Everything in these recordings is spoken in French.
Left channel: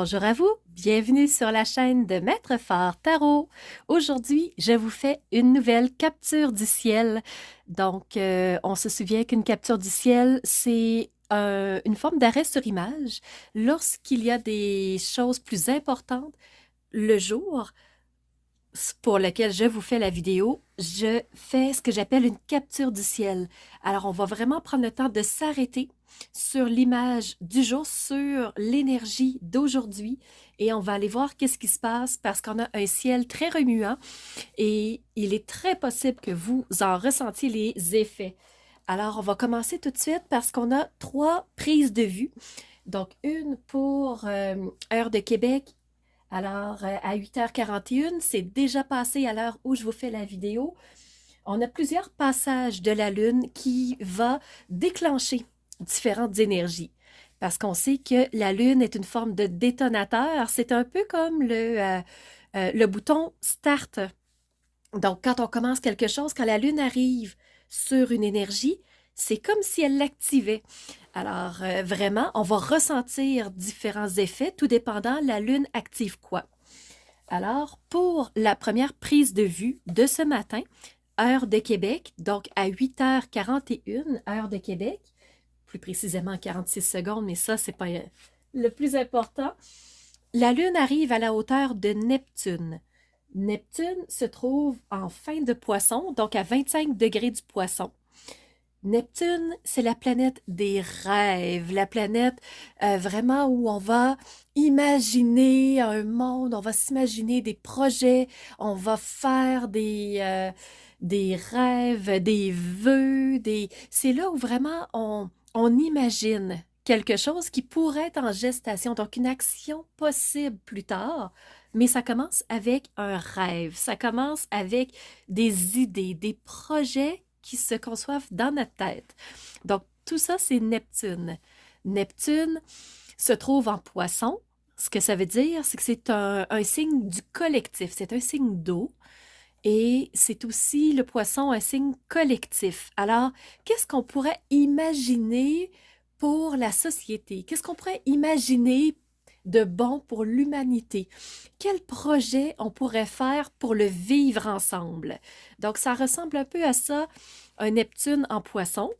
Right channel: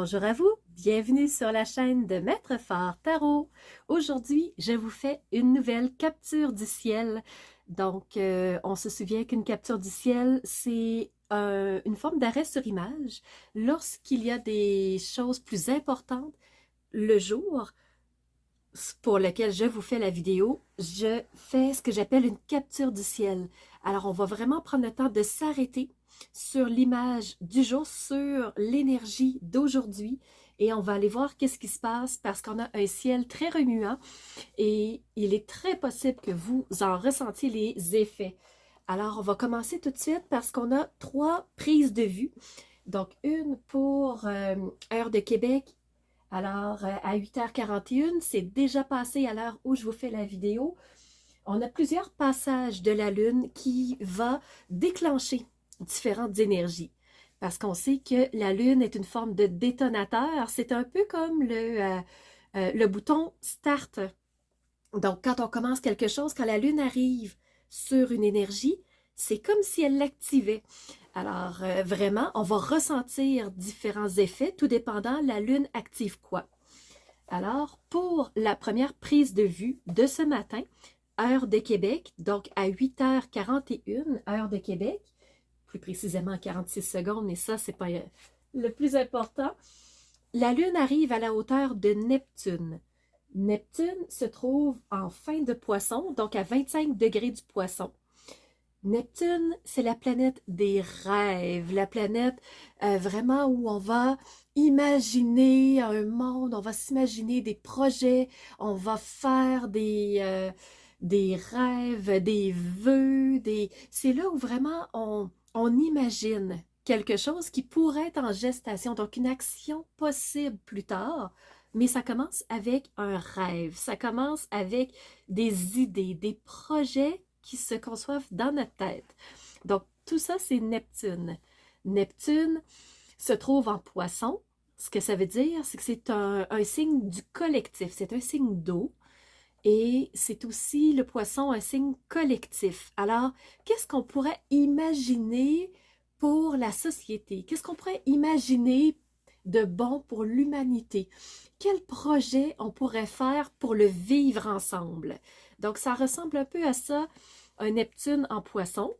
Bonjour à vous, bienvenue sur la chaîne de Maître Phare Tarot. Aujourd'hui, je vous fais une nouvelle capture du ciel. Donc, on se souvient qu'une capture du ciel, c'est une forme d'arrêt sur image. Lorsqu'il y a des choses plus importantes, le jour pour lequel je vous fais la vidéo, je fais ce que j'appelle une capture du ciel. Alors, on va vraiment prendre le temps de s'arrêter sur l'image du jour, sur l'énergie d'aujourd'hui, et on va aller voir qu'est-ce qui se passe parce qu'on a un ciel très remuant et il est très possible que vous en ressentiez les effets. Alors, on va commencer tout de suite parce qu'on a 3 prises de vue. Donc, une pour heure de Québec. Alors, à 8h41, c'est déjà passé à l'heure où je vous fais la vidéo. On a plusieurs passages de la Lune qui va déclencher différentes énergies. Parce qu'on sait que la Lune est une forme de détonateur. C'est un peu comme le bouton Start. Donc, quand on commence quelque chose, quand la Lune arrive sur une énergie, c'est comme si elle l'activait. Alors, vraiment, on va ressentir différents effets, tout dépendant, la Lune active quoi. Alors, pour la première prise de vue de ce matin, heure de Québec, donc à 8h41, heure de Québec, plus précisément 46 secondes, mais ça, c'est pas le plus important. La Lune arrive à la hauteur de Neptune. Neptune se trouve en fin de Poisson, donc à 25 degrés du Poisson. Neptune, c'est la planète des rêves, la planète vraiment où on va imaginer un monde, on va s'imaginer des projets, on va faire des rêves, des vœux, c'est là où vraiment on imagine quelque chose qui pourrait être en gestation, donc une action possible plus tard. Mais ça commence avec un rêve, ça commence avec des idées, des projets qui se conçoivent dans notre tête. Donc, tout ça, c'est Neptune. Neptune se trouve en Poisson. Ce que ça veut dire, c'est que c'est un signe du collectif, c'est un signe d'eau. Et c'est aussi le Poisson, un signe collectif. Alors, qu'est-ce qu'on pourrait imaginer pour la société? Qu'est-ce qu'on pourrait imaginer de bon pour l'humanité? Quel projet on pourrait faire pour le vivre ensemble? Donc, ça ressemble un peu à ça, un Neptune en Poisson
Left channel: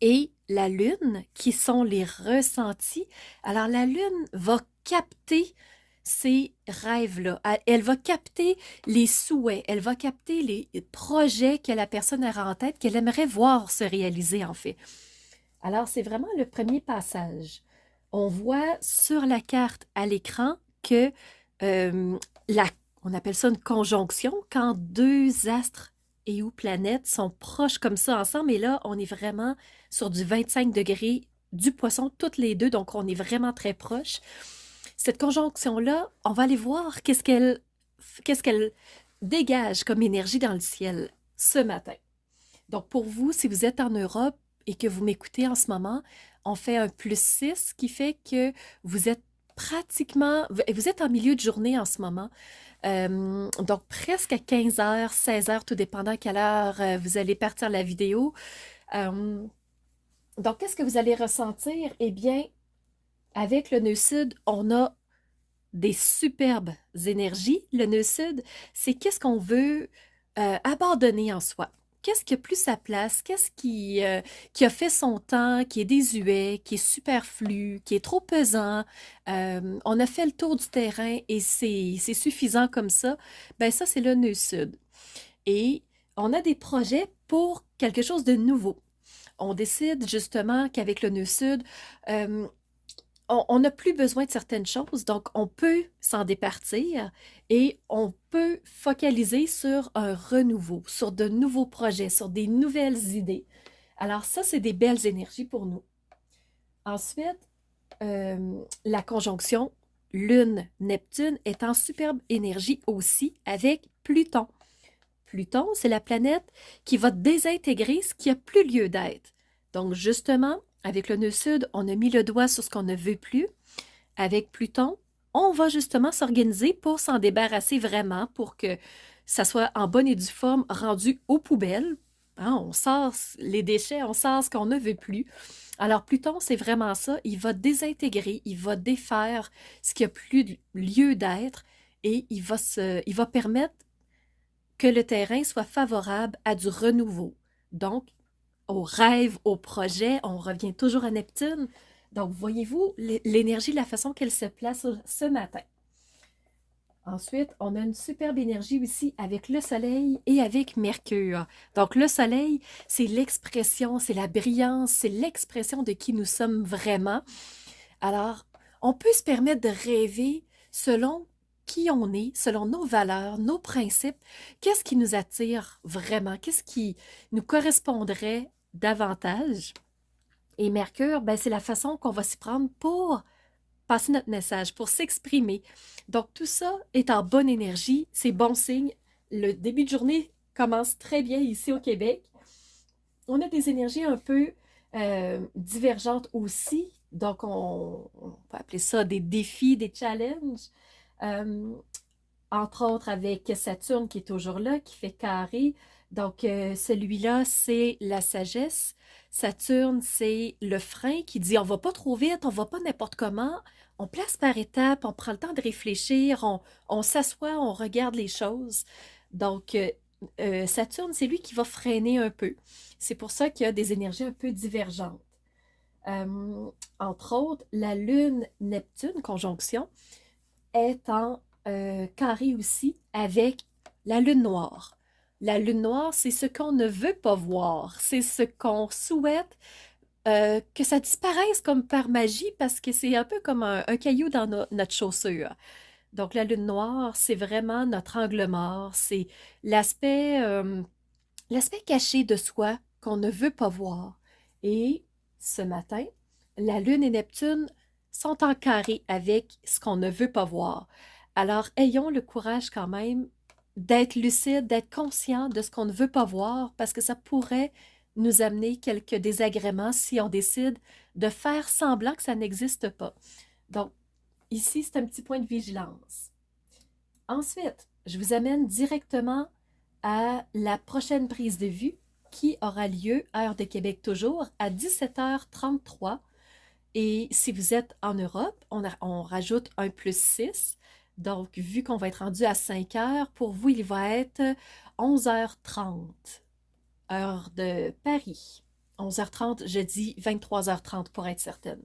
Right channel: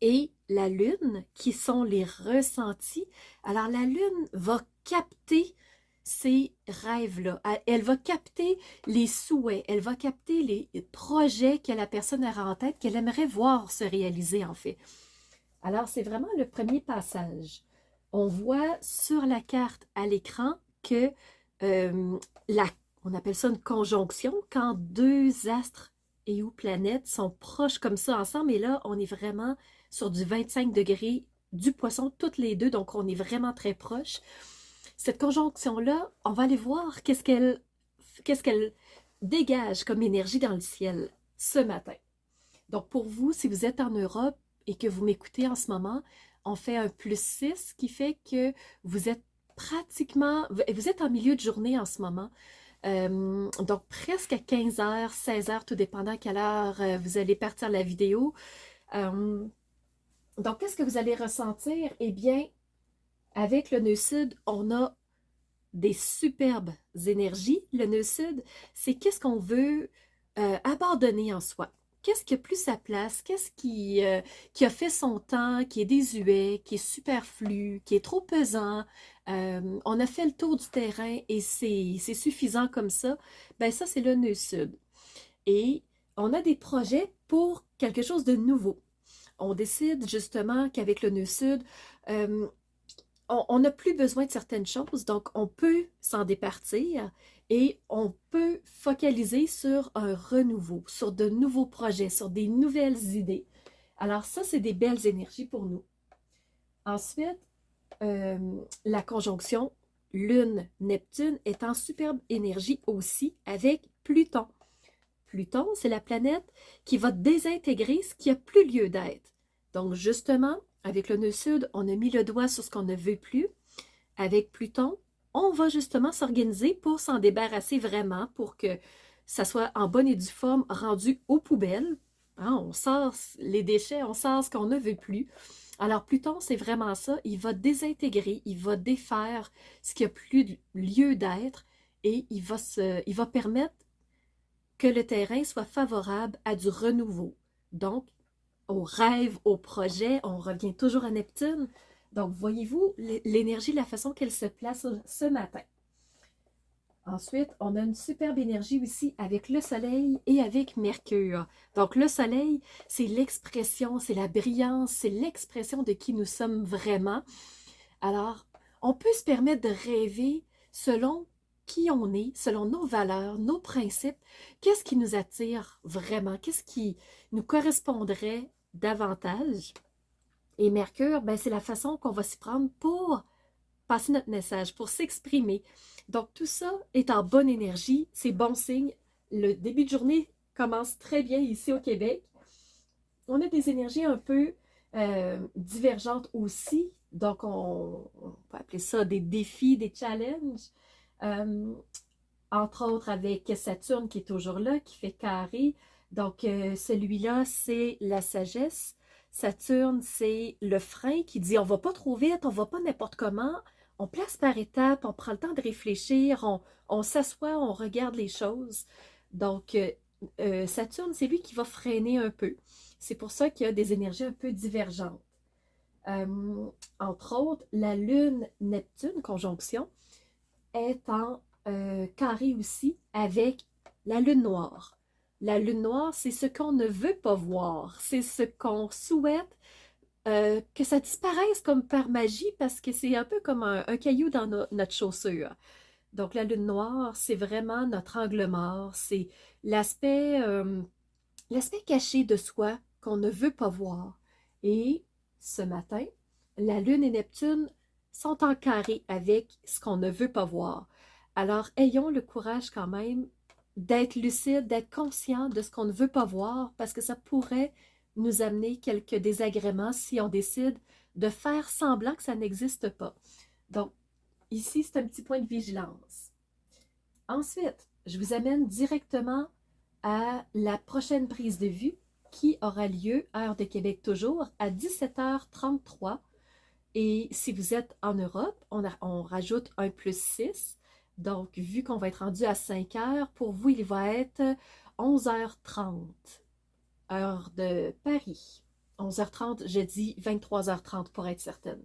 et la Lune, qui sont les ressentis. Alors, la Lune va capter ces rêves-là. Elle va capter les souhaits, elle va capter les projets que la personne a en tête, qu'elle aimerait voir se réaliser en fait. Alors, c'est vraiment le premier passage. On voit sur la carte à l'écran que euh, la, on appelle ça une conjonction, quand deux astres et ou planètes sont proches comme ça ensemble. Et là, on est vraiment sur du 25 degrés du Poisson, toutes les deux, donc on est vraiment très proches. Cette conjonction-là, on va aller voir qu'est-ce qu'elle dégage comme énergie dans le ciel ce matin. Donc, pour vous, si vous êtes en Europe et que vous m'écoutez en ce moment, on fait un +6 qui fait que vous êtes vous êtes en milieu de journée en ce moment. Donc, presque à 15h, 16h, tout dépendant à quelle heure vous allez partir la vidéo. Euh, donc, qu'est-ce que vous allez ressentir? Eh bien, avec le nœud sud, on a des superbes énergies. Le nœud sud, c'est qu'est-ce qu'on veut abandonner en soi. Qu'est-ce qui a plus sa place? Qui a fait son temps, qui est désuet, qui est superflu, qui est trop pesant? On a fait le tour du terrain et c'est suffisant comme ça. Ben ça, c'est le nœud sud. Et on a des projets pour quelque chose de nouveau. On décide justement qu'avec le nœud sud, euh, on n'a plus besoin de certaines choses, donc on peut s'en départir et on peut focaliser sur un renouveau, sur de nouveaux projets, sur des nouvelles idées. Alors ça, c'est des belles énergies pour nous. Ensuite, la conjonction Lune-Neptune est en superbe énergie aussi avec Pluton. Pluton, c'est la planète qui va désintégrer ce qui n'a plus lieu d'être. Donc justement, avec le nœud sud, on a mis le doigt sur ce qu'on ne veut plus. Avec Pluton, on va justement s'organiser pour s'en débarrasser vraiment, pour que ça soit en bonne et due forme rendu aux poubelles. hein, on sort les déchets, on sort ce qu'on ne veut plus. Alors Pluton, c'est vraiment ça, il va désintégrer, il va défaire ce qui a plus lieu d'être et il va permettre que le terrain soit favorable à du renouveau. Donc, aux rêves, aux projets, on revient toujours à Neptune. Donc, voyez-vous l'énergie, la façon qu'elle se place ce matin. Ensuite, on a une superbe énergie aussi avec le Soleil et avec Mercure. Donc, le Soleil, c'est l'expression, c'est la brillance, c'est l'expression de qui nous sommes vraiment. Alors, on peut se permettre de rêver selon qui on est, selon nos valeurs, nos principes. Qu'est-ce qui nous attire vraiment? Qu'est-ce qui nous correspondrait davantage? Et Mercure, ben, c'est la façon qu'on va s'y prendre pour passer notre message, pour s'exprimer. Donc, tout ça est en bonne énergie, c'est bon signe. Le début de journée commence très bien ici au Québec. On a des énergies un peu divergentes aussi. Donc, on peut appeler ça des défis, des challenges. Euh, Entre autres avec Saturne qui est toujours là, qui fait carré. Donc, celui-là, c'est la sagesse. Saturne, c'est le frein qui dit on va pas trop vite, on va pas n'importe comment. On place par étapes, on prend le temps de réfléchir, on s'assoit, on regarde les choses. Donc, Saturne, c'est lui qui va freiner un peu. C'est pour ça qu'il y a des énergies un peu divergentes. Entre autres, la Lune Neptune, conjonction, est en carré aussi avec la lune noire. La lune noire, c'est ce qu'on ne veut pas voir, c'est ce qu'on souhaite que ça disparaisse comme par magie parce que c'est un peu comme un caillou dans notre chaussure. Donc la lune noire, c'est vraiment notre angle mort, c'est l'aspect l'aspect caché de soi qu'on ne veut pas voir. Et ce matin, la Lune et Neptune sont en carré avec ce qu'on ne veut pas voir. Alors, ayons le courage quand même d'être lucide, d'être conscient de ce qu'on ne veut pas voir, parce que ça pourrait nous amener quelques désagréments si on décide de faire semblant que ça n'existe pas. Donc, ici, c'est un petit point de vigilance. Ensuite, je vous amène directement à la prochaine prise de vue qui aura lieu, heure de Québec toujours, à 17h33. Et si vous êtes en Europe, on rajoute un +6. Donc, vu qu'on va être rendu à 5 heures, pour vous, il va être 11h30, heure de Paris. 11h30, je dis 23h30 pour être certaine.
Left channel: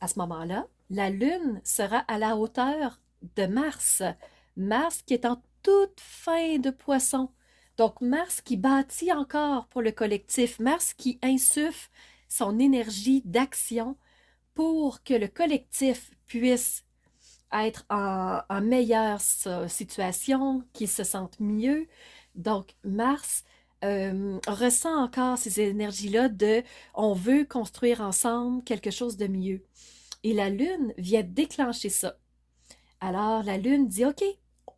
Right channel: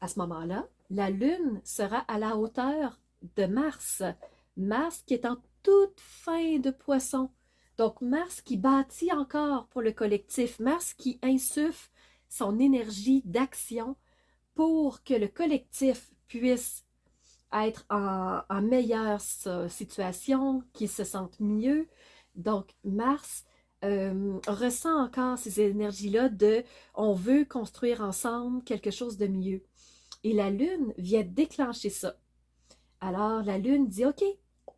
À ce moment-là, la Lune sera à la hauteur de Mars. Mars qui est en toute fin de poisson. Donc Mars qui bâtit encore pour le collectif. Mars qui insuffle son énergie d'action pour que le collectif puisse être en meilleure situation, qu'il se sente mieux. Donc Mars ressent encore ces énergies-là de on veut construire ensemble quelque chose de mieux. Et la Lune vient déclencher ça. Alors la Lune dit, OK,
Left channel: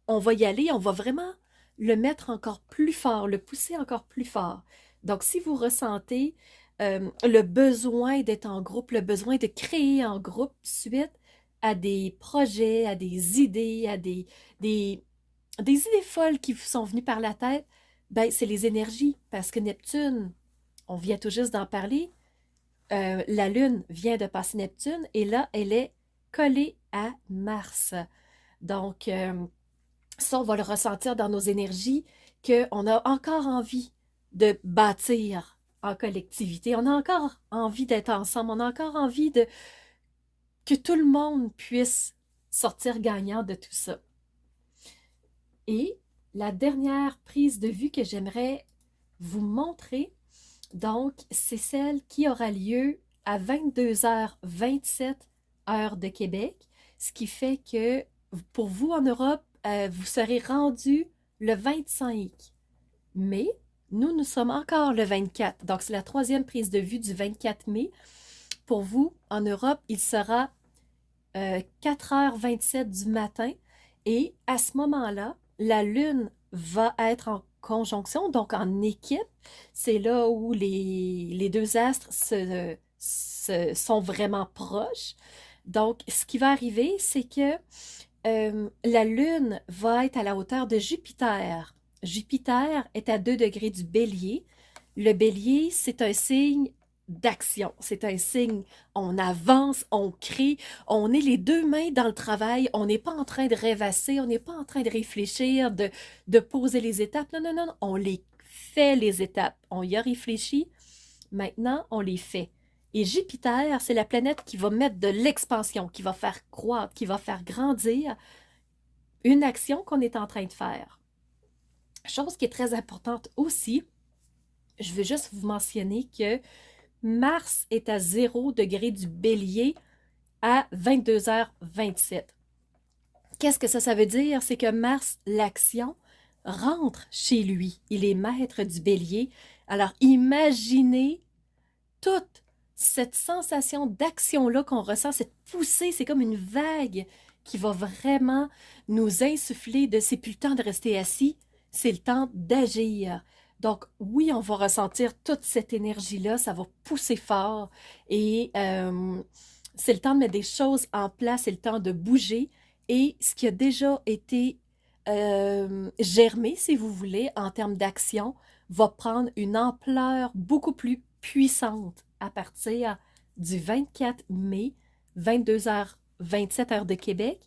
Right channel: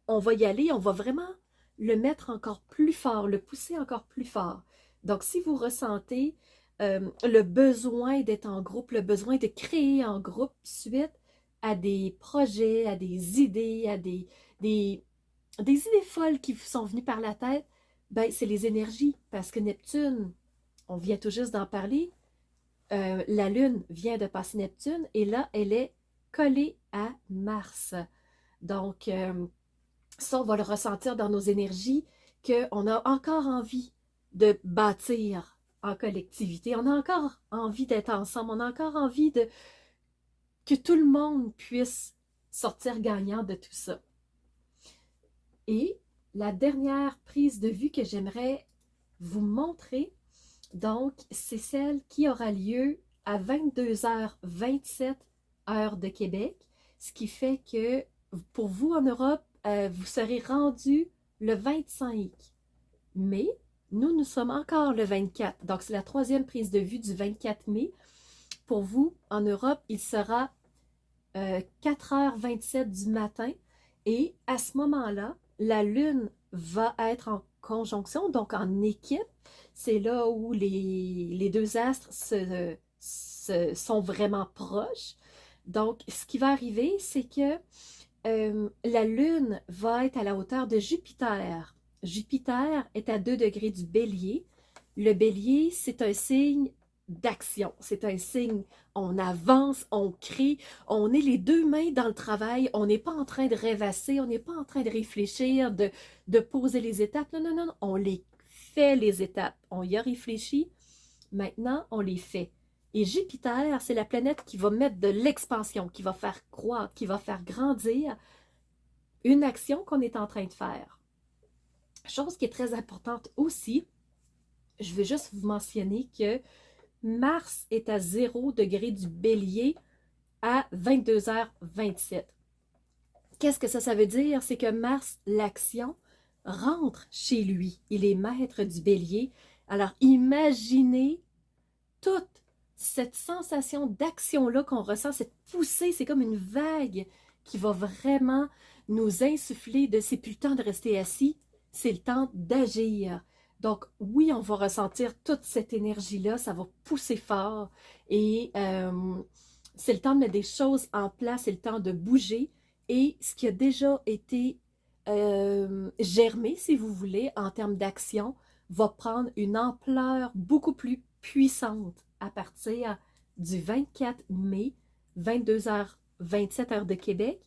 on va y aller, on va vraiment le mettre encore plus fort, le pousser encore plus fort. Donc si vous ressentez le besoin d'être en groupe, le besoin de créer en groupe suite à des projets, à des idées, à des idées folles qui vous sont venues par la tête, ben c'est les énergies. Parce que Neptune, on vient tout juste d'en parler, la Lune vient de passer Neptune et là, elle est collée à Mars. Donc, ça, on va le ressentir dans nos énergies, qu'on a encore envie de bâtir en collectivité. On a encore envie d'être ensemble. On a encore envie de que tout le monde puisse sortir gagnant de tout ça. Et la dernière prise de vue que j'aimerais vous montrer, donc, c'est celle qui aura lieu à 22h27 heure de Québec, ce qui fait que pour vous en Europe, vous serez rendu le 25 mai. Nous, nous sommes encore le 24. Donc, c'est la troisième prise de vue du 24 mai. Pour vous, en Europe, il sera 4h27 du matin. Et à ce moment-là, la Lune va être en conjonction, donc en équipe. C'est là où les deux astres sont vraiment proches. Donc, ce qui va arriver, c'est que la Lune va être à la hauteur de Jupiter. Jupiter est à 2 degrés du Bélier. Le bélier, c'est un signe d'action, c'est un signe, on avance, on crée, on est les deux mains dans le travail, on n'est pas en train de rêvasser, on n'est pas en train de réfléchir, de poser les étapes. Non, non, non, non, on les fait les étapes. On y a réfléchi, maintenant on les fait. Et Jupiter, c'est la planète qui va mettre de l'expansion, qui va faire croître, qui va faire grandir une action qu'on est en train de faire. Chose qui est très importante aussi, je veux juste vous mentionner que Mars est à 0 degré du bélier à 22h27. Qu'est-ce que ça veut dire? C'est que Mars, l'action, rentre chez lui. Il est maître du bélier. Alors, imaginez toute cette sensation d'action-là qu'on ressent, cette poussée, c'est comme une vague qui va vraiment nous insuffler de c'est plus le temps de rester assis, c'est le temps d'agir. Donc oui, on va ressentir toute cette énergie-là, ça va pousser fort et c'est le temps de mettre des choses en place, c'est le temps de bouger et ce qui a déjà été germé, si vous voulez, en termes d'action, va prendre une ampleur beaucoup plus puissante à partir du 24 mai, 22h27 heure de Québec.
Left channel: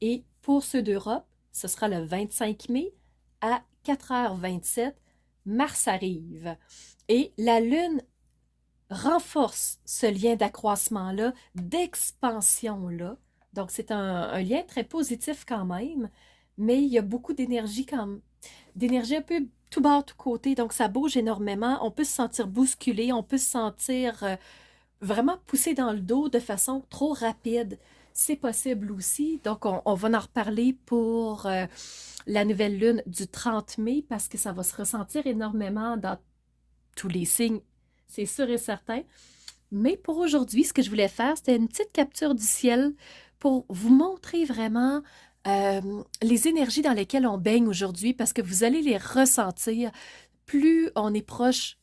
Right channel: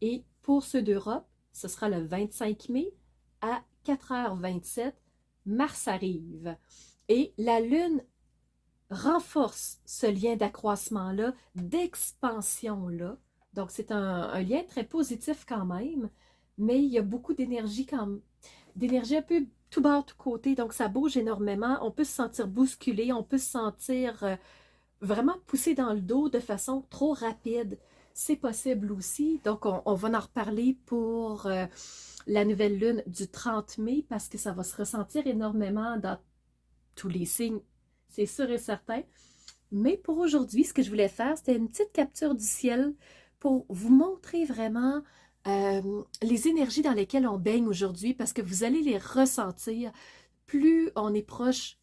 Et pour ceux d'Europe, ce sera le 25 mai à 4h27, Mars arrive. Et la Lune renforce ce lien d'accroissement-là, d'expansion-là. Donc, c'est un lien très positif quand même, mais il y a beaucoup d'énergie d'énergie un peu tout bas, tout côté, donc ça bouge énormément. On peut se sentir bousculé, on peut se sentir vraiment poussé dans le dos de façon trop rapide. C'est possible aussi, donc on va en reparler pour la nouvelle lune du 30 mai parce que ça va se ressentir énormément dans tous les signes, c'est sûr et certain. Mais pour aujourd'hui, ce que je voulais faire, c'était une petite capture du ciel pour vous montrer vraiment les énergies dans lesquelles on baigne aujourd'hui parce que vous allez les ressentir. Plus on est proche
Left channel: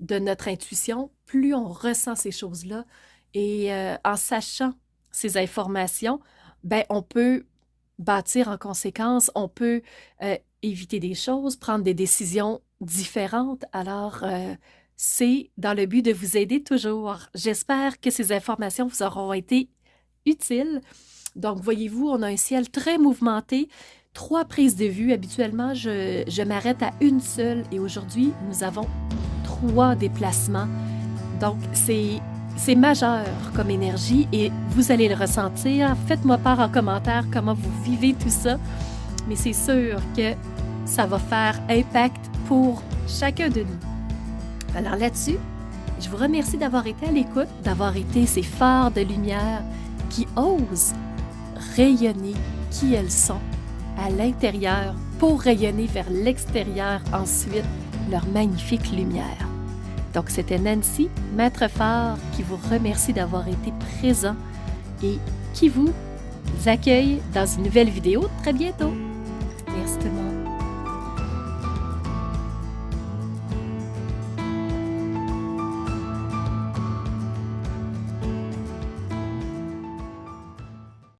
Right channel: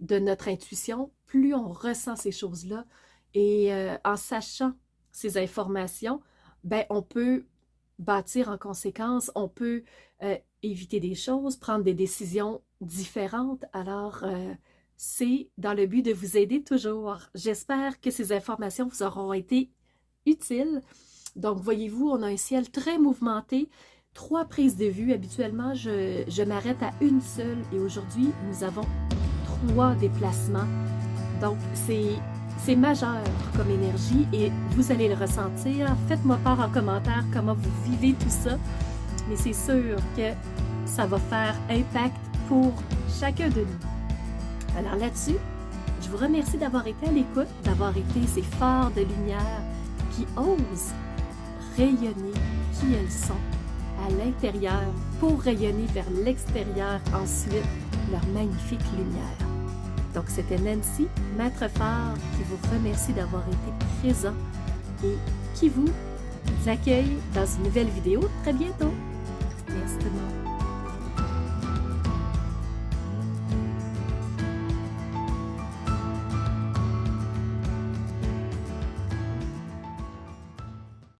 de notre intuition, plus on ressent ces choses-là. Et en sachant ces informations, ben, on peut bâtir en conséquence, on peut éviter des choses, prendre des décisions différentes. Alors, c'est dans le but de vous aider toujours. J'espère que ces informations vous auront été utiles. Donc, voyez-vous, on a un ciel très mouvementé, 3 prises de vue. Habituellement, je m'arrête à une seule et aujourd'hui, nous avons 3 déplacements. Donc, c'est majeur comme énergie et vous allez le ressentir. Faites-moi part en commentaire comment vous vivez tout ça. Mais c'est sûr que ça va faire impact pour chacun de nous. Alors là-dessus, je vous remercie d'avoir été à l'écoute, d'avoir été ces phares de lumière qui osent rayonner qui elles sont à l'intérieur pour rayonner vers l'extérieur ensuite leur magnifique lumière. Donc c'était Nancy, maître phare, qui vous remercie d'avoir été présent et qui vous accueille dans une nouvelle vidéo très bientôt. Merci tout le monde.